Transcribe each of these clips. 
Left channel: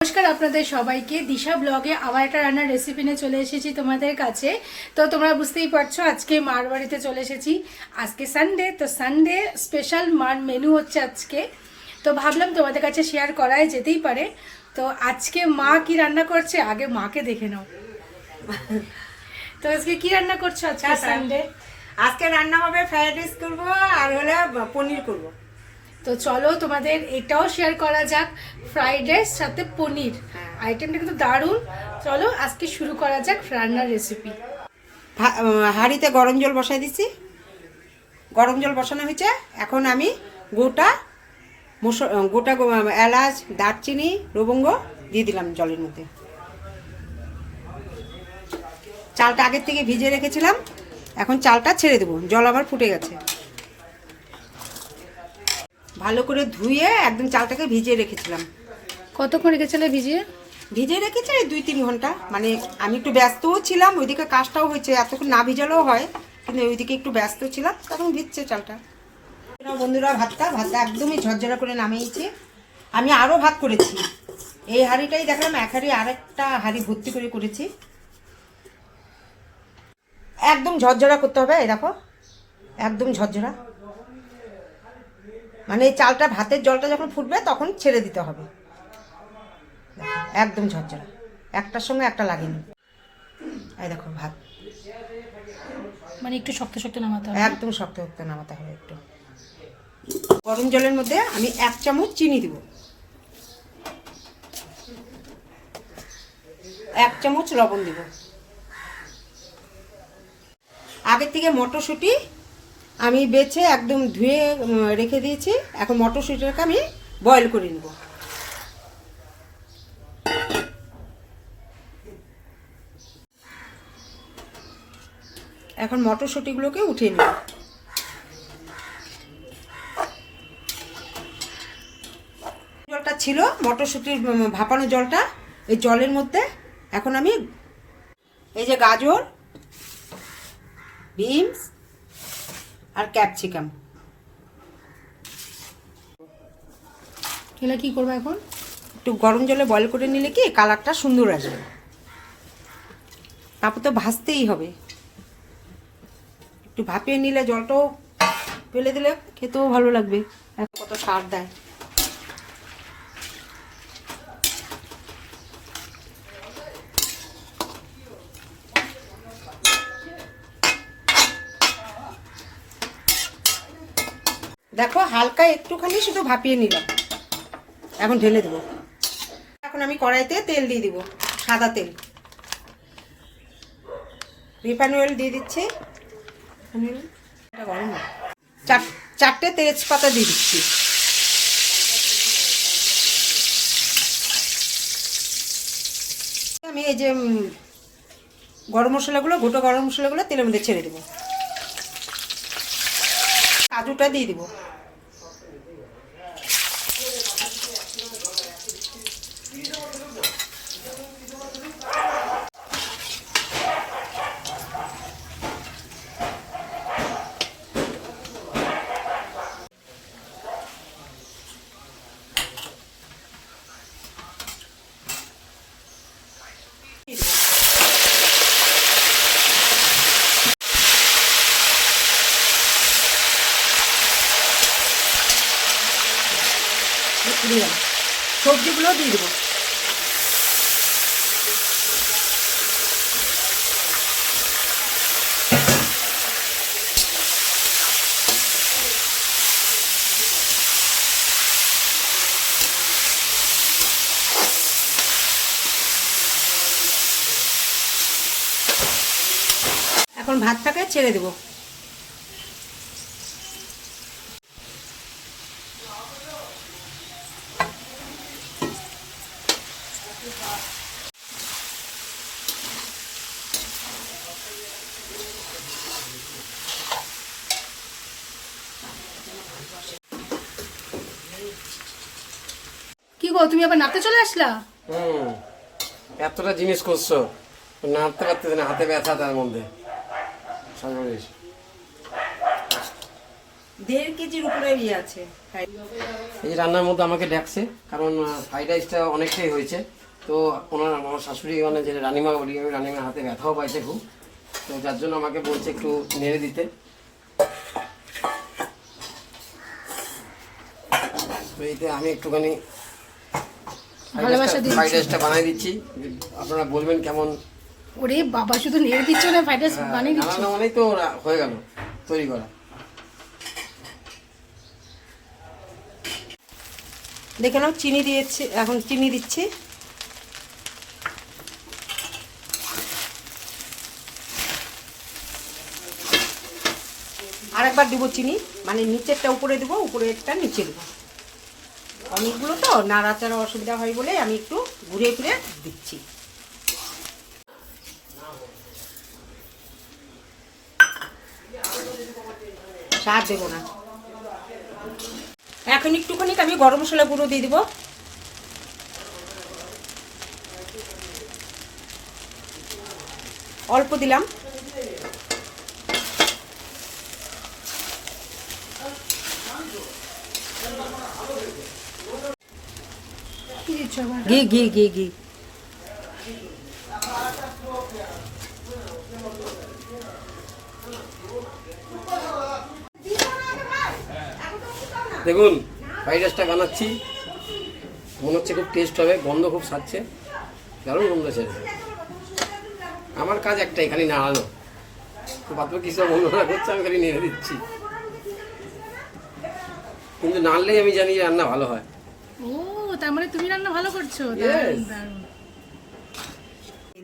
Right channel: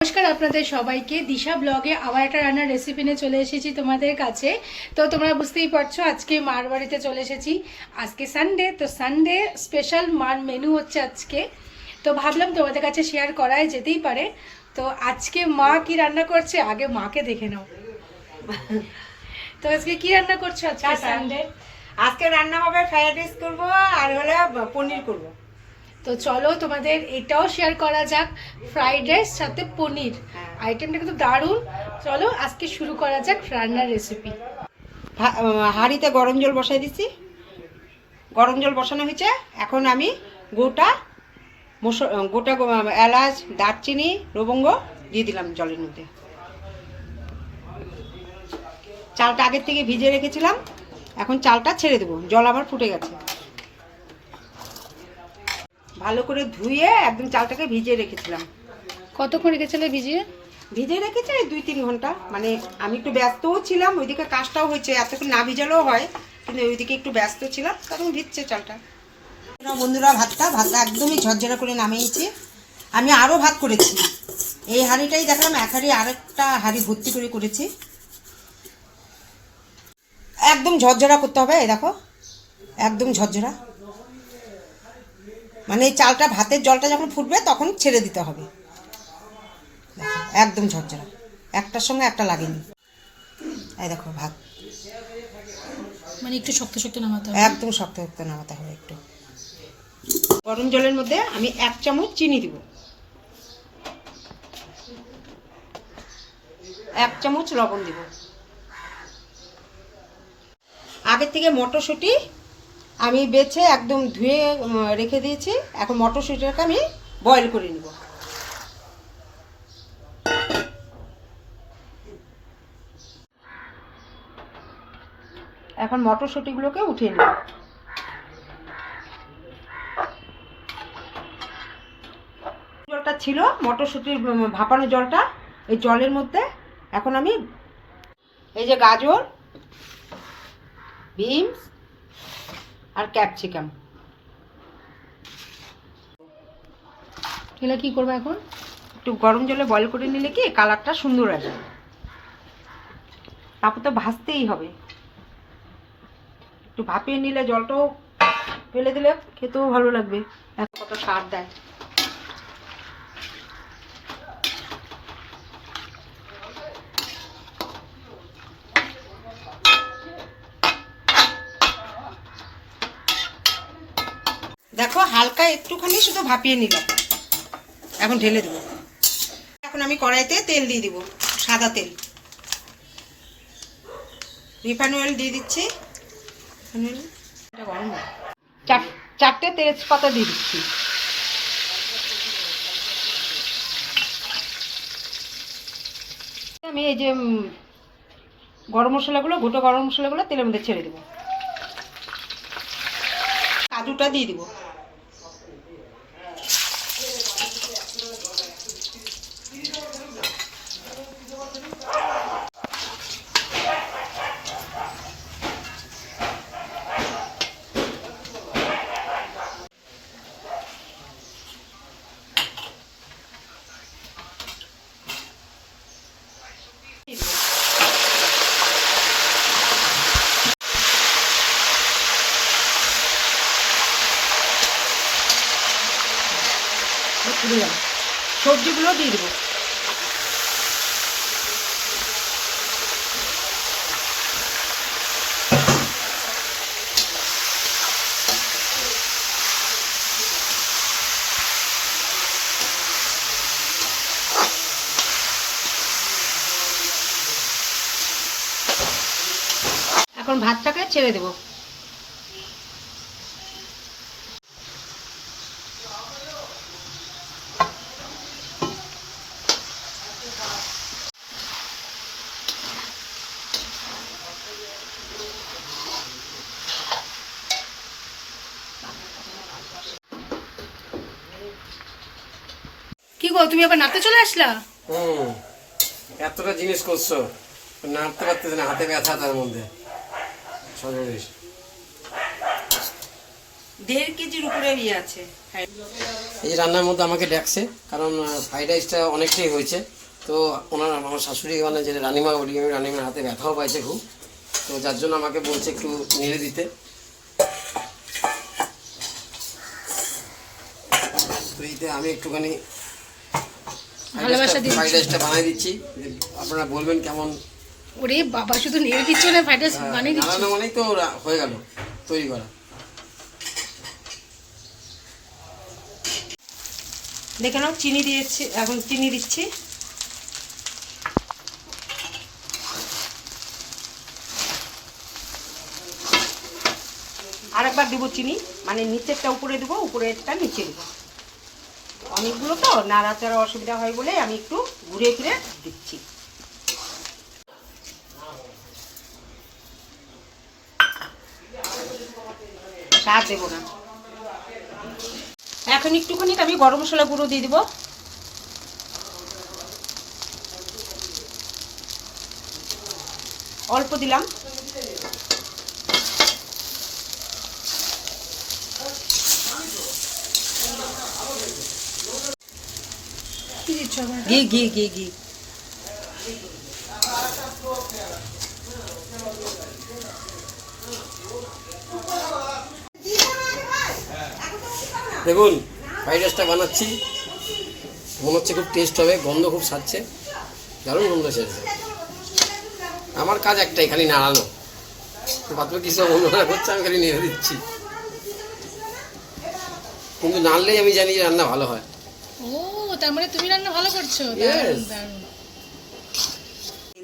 নমস্কার আপনাদের সবাইকে। দিশা ব্লগে আবার একটা রান্নার রেসিপি নিয়ে চলে এসেছি তোমাদের কাছে। তো তোমরা বুঝতেই পারছ আজকে মার বাড়িতে চলে এসেছি। আজকে সানডে তো সানডে স্পেশাল মার মেনু হচ্ছে আজকে। তো ভাবলাম তোমাদের কাছে শেয়ার করাই যেতেই পারে। তো আজকে মা কি রান্না করছে আগে মাকে দেখে নাও। তো আজকে কি রান্না করছ আজকে সানডে আজকে রান্না হবে ফ্রাইড রাইস করব আর হলে পনির করব। তো চলো তোমাদের এটাও শেয়ার করা যাক ফ্রাইড রাইস সাথে পনির। আইটেমটা কিন্তু দারুণ। চলো আজকে শুরু করা যাক রান্নার রেসিপি হাঁড়িতে গরম জল বসাই দিচ্ছি। গরম জল বসানো হয়েছে। এখন আমি গোটা মুস- গোটা এলাচ, দারচিনি, লবঙ্গ দিয়ে দিলাম জলের মধ্যে। চালটা আগের থেকে ভিজিয়ে রেখেছিলাম। এখন চালটা ছেড়ে দেবো। জল আবার ফুটে গেছে। ভালো করে ধুয়ে একদম চালটাকে ভিজিয়ে রেখেছিলাম। কতক্ষণ রেখেছিলে ভিজিয়ে? ভিজে রেখেছে দুই তিন ঘণ্টা। মানে আমি একটু ব্যস্তও ছিলাম ওইদিকে কাজটাও হয়েছে এতক্ষণ না ভিজালেও হয় কিন্তু ওইদিকে একটু ব্যস্ত ছিলাম তখন ভিজছে চালটা। বন্ধুরা, বন্ধুরা ভাতটা ভাতটা একদমই ঝরঝরা করে নামিয়েছি। আমি আরও ভাত করেছি। এই হাঁড়িটাই দেখলাম এক হাঁড়ি আরেকটা হাঁড়ি ভর্তি করে করেছি। একদম ঝরঝরা করতে হবে এই দেখো। একদম ঝরঝরা। মানে এই চালটা ভাতের জলটা যখন ফুটবে তখন ছেড়ে দিতে হবে। একদম ঝরঝরা। একটার সঙ্গে একটা লাগেনি। এই দেখো ভাত। মানে একটু শক্ত শক্ত নামাতে হবে একদম শক্ত শক্ত নামাতে হবে একটু। গরম জলের মধ্যে আমি এক চামচ চিনি দিব। এক চামচ লবণ দিব। আগের থেকে মটরশুঁটি আমি বেছে একদম ধুয়ে রেখে দিয়েছি। এখন মটরশুঁটিটাকে আমি বয়েল করে নিব। এখন মটরশুঁটিগুলোকে উঠিয়ে নেব। জলটা ছিল, মটরশুঁটির ভাপানো জলটা এই জলের মধ্যে। এখন আমি এই যে গাজর, বিনস আর ক্যাপসিকাম এগুলো কি করব এখন? একটু গরম জলে বয়েল করে নিলে কি কালারটা সুন্দর আসবে। তারপর তো ভাজতেই হবে। একটু ভাপিয়ে নিলে জলটাও ফেলে দিলে খেতেও ভালো লাগবে। কত সার দেয়। দেখো, হালকা একটুখানি শুধু ভাপিয়ে নিলাম। এখন ঢেলে দেবো। এখন আমি কড়াইতে তেল দিয়ে দিব, সাদা তেল। রিফাইন অয়েল দিয়ে দিচ্ছি। গরম চার- চারটে তেজপাতা দিয়ে দিচ্ছি। আমি এই যে গরম মশলাগুলো, গোটা গরম মশলাগুলো তেলের মধ্যে ছেড়ে দেবো। কাজুটা দিয়ে দিব। দিলাম সবজিগুলো দিয়ে দেবো। এখন ভাতটাকে ছেড়ে দেবো। কি গো তুমি আবার নাতে চলে আসলা? হুম এতটা জিনিস করছ। নাড়তে পারতেছে না হাতে ব্যথা তার মধ্যে। দেড় কেজির উপরে ইয়ে আছে। এই রান্নার মধ্যে আমাকে ডাকছে কারণ ফ্রাইড রাইসটা অনেকটাই হয়েছে। তো ওনার আমার শাশুড়ি মানে যে রানিমা বলি আমি রানিমার হাতে ব্যথাও পাইছে খুব। তো যার জন্য আমাকে বলছে একটু নেড়ে দিতে। তো এইতে আমি একটুখানি ভালোবাসা দিচ্ছি। ফ্রাইড রাইসটা বানিয়ে দিচ্ছি। আপনারা বলবেন কেমন? ওরে বাবা শুধু নেড়ে দিচ্ছ না ফ্রাইড রাইস বানিয়ে দিচ্ছ? বানানো মানেই তো ওরা হয়ে গেল তৈরি করা। দেখে নাও চিনি দিয়েছি এখন চিনি দিচ্ছি। আরেকবার দেবো চিনি। মানে নিচেরটা উপরে দেবো, উপরেরটা নিচে দেবো। অনেকগুলো তো নাড়াচাড়া অসুবিধা হয় বলে আমি একটু ঘুরে ঘুরে দিচ্ছি। স্বাদ না। এখন একটুখানি আমি গরম মশলা গুঁড়ো দিয়ে দিব। অল্প দিলাম কি দিচ্ছ আবার ঘি ঘি ঘি ঘি। দেখুন ফ্রাইড রাইসটা বানাচ্ছি। মনে হচ্ছে খুব টেস্ট হবে গন্ধ খুব ছাড়ছে। দারুণ গন্ধ ছেড়েছে। আমার কাজ একটাই খালি নাড়ানো। বাদ বাকি সব অন্যরা করছে আমি খালি নেড়ে দিচ্ছি। কিন্তু নাড়লেই আমি জানি যে রান্না ভালো হয়। তার মানে তুমি রান্না ভালো করছ. দারুণ দারুণ।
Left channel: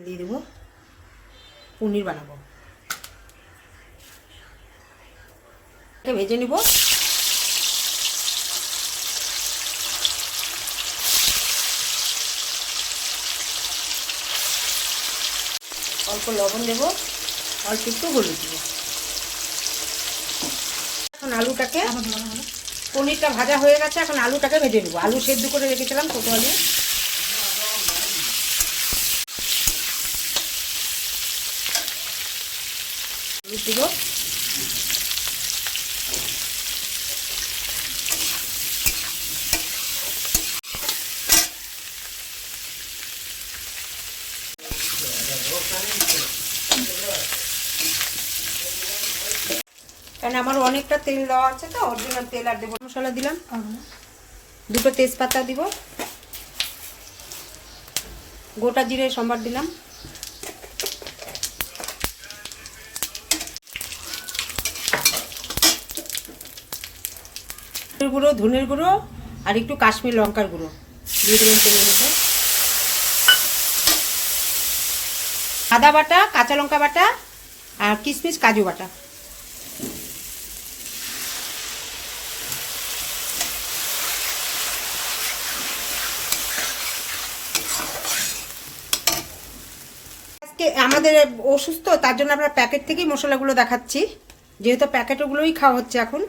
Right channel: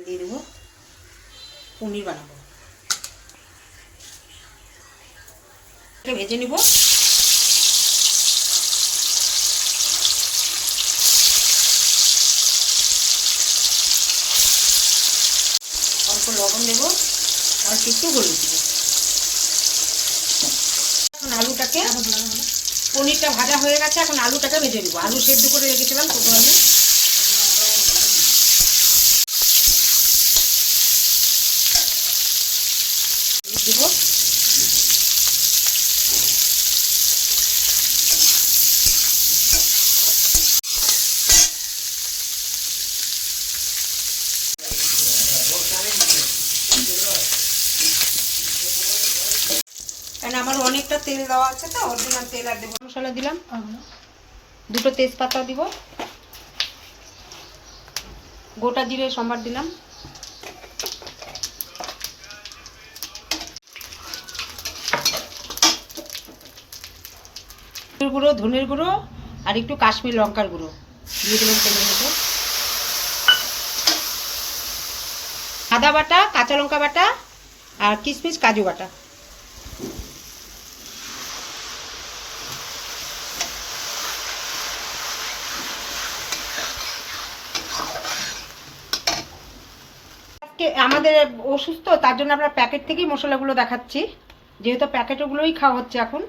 দিয়ে দেবো পনির বানাবো। এটা ভেজে নিব। অল্প লবণ দেবো অল্প একটু হলুদ দেবো। এখন আলুটাকে পনিরটা ভাজা হয়ে গেছে, এখন আলুটাকে ভেজে নেব। আলু সেদ্ধ করে রেখেছিলাম প্রথমে। আলু দেবো আমার অনেকটা তেল দেওয়া আছে তো অরিজিনাল তেল আর দেবো মশলা দিলাম। দুটো তেজপাতা দিব। গোটা জিরে, সম্বার দিলাম। গুঁড়ো, ধনের গুঁড়ো আর একটু কাশ্মীর লঙ্কার গুঁড়ো। দিয়ে দিলাম তেলের মধ্যে। আদা বাটা, কাঁচা লঙ্কা বাটা আর কিশমিশ কাজু বাটা। আজকে আমাদের অসুস্থ, তার জন্য আমরা প্যাকেট থেকেই মশলাগুলো দেখাচ্ছি। যেহেতু প্যাকেটগুলোই খাওয়া হচ্ছে এখন।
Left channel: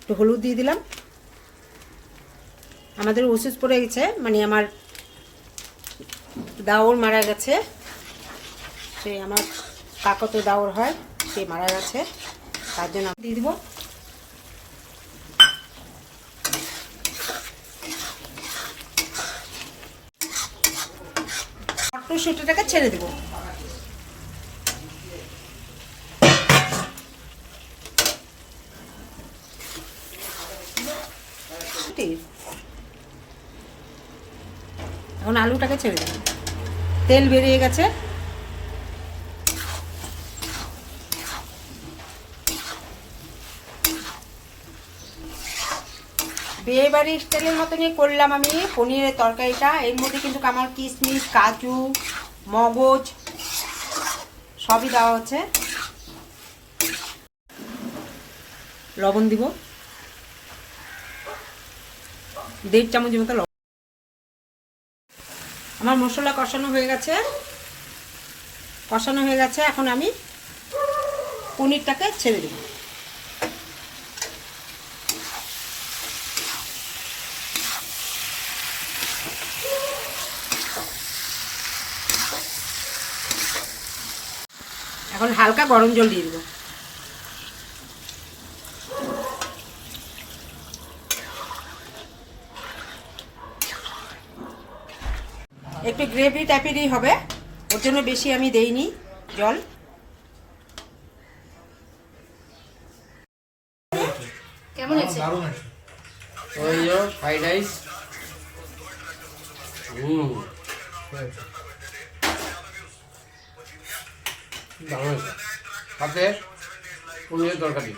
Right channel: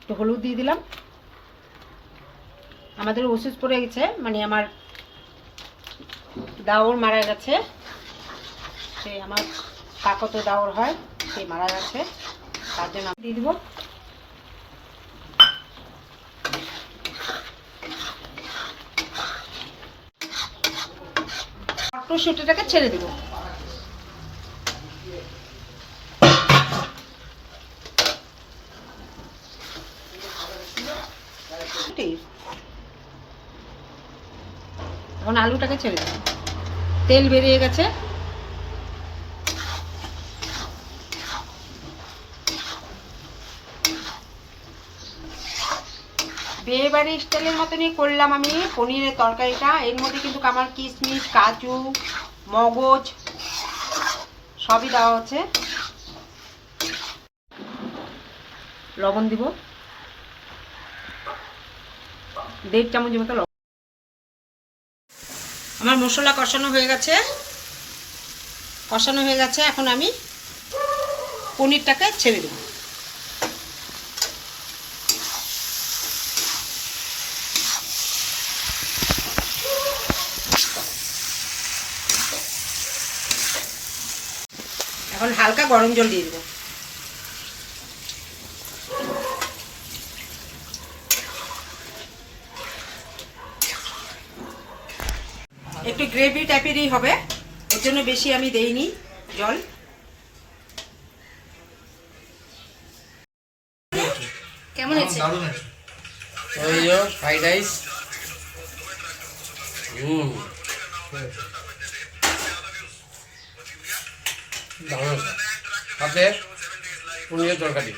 একটু হলুদ দিয়ে দিলাম। আমাদের ওষুধ পড়ে গেছে মানে আমার দাওর মারা গেছে। সে আমার কাকত দাওর হয়, সে মারা গেছে। তার জন্য দিয়ে দিব। মটরশুঁটিটাকে ছেড়ে দেবো। এখন আলুটাকে ছেড়ে দেবো। তেল বেরিয়ে গেছে। বিয়ে বাড়ির স্টাইলের মতনই করলাম আমি, পনিরের তরকারিটা। এর মধ্যে কিন্তু আমার কিশমিশ, কাজু, মগজ, সবই দেওয়া হচ্ছে। লবণ দিব। দেড় চামচ মতো লবণ। আমার মশলা কষানো হয়ে গেছে। কষানো হয়ে গেছে, এখন আমি পনিরটাকে ছেড়ে দেবো। এখন হালকা গরম জল দিয়ে দেবো। একটু গ্রেভি টাইপেরই হবে ওর জন্য বেশি আমি দেইনি জল। কেমন হয়েছে? Fried rice hmm. দারুণ সাথে পনিরের তরকারি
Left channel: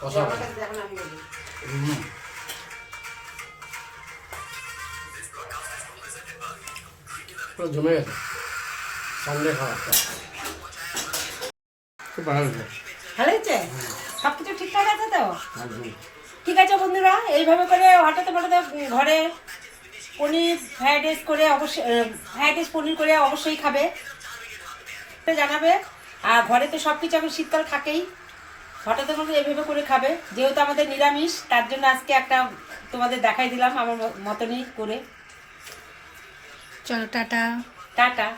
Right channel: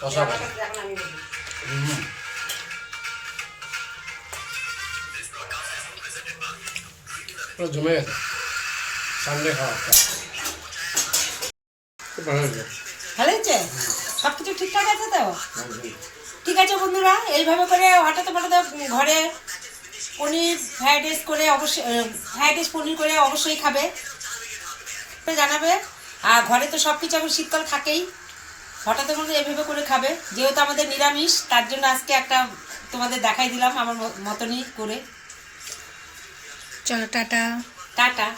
কষা কষা হুম। পুরো জমে গেছে। সানডে খাওয়া। ভালো হয়েছে। সব কিছু ঠিকঠাক আছে তো। ঠিক আছে বন্ধুরা এইভাবে করে হঠাৎ হঠাৎ ঘরে পনির ফ্রাইড রাইস করে অবশ্যই ফ্রাইড রাইস পনির করে অবশ্যই খাবে। তো জানাবে। আর ঘরে তো সব কিছু এখন শীতকাল থাকেই। হঠাৎ মধ্যে এভাবে করে খাবে। যেহেতু আমাদের নিরামিষ তার জন্য আজকে একটা তোমাদের দেখাই দিলাম আমার মতনই করে। চলো টাটা। টাটা।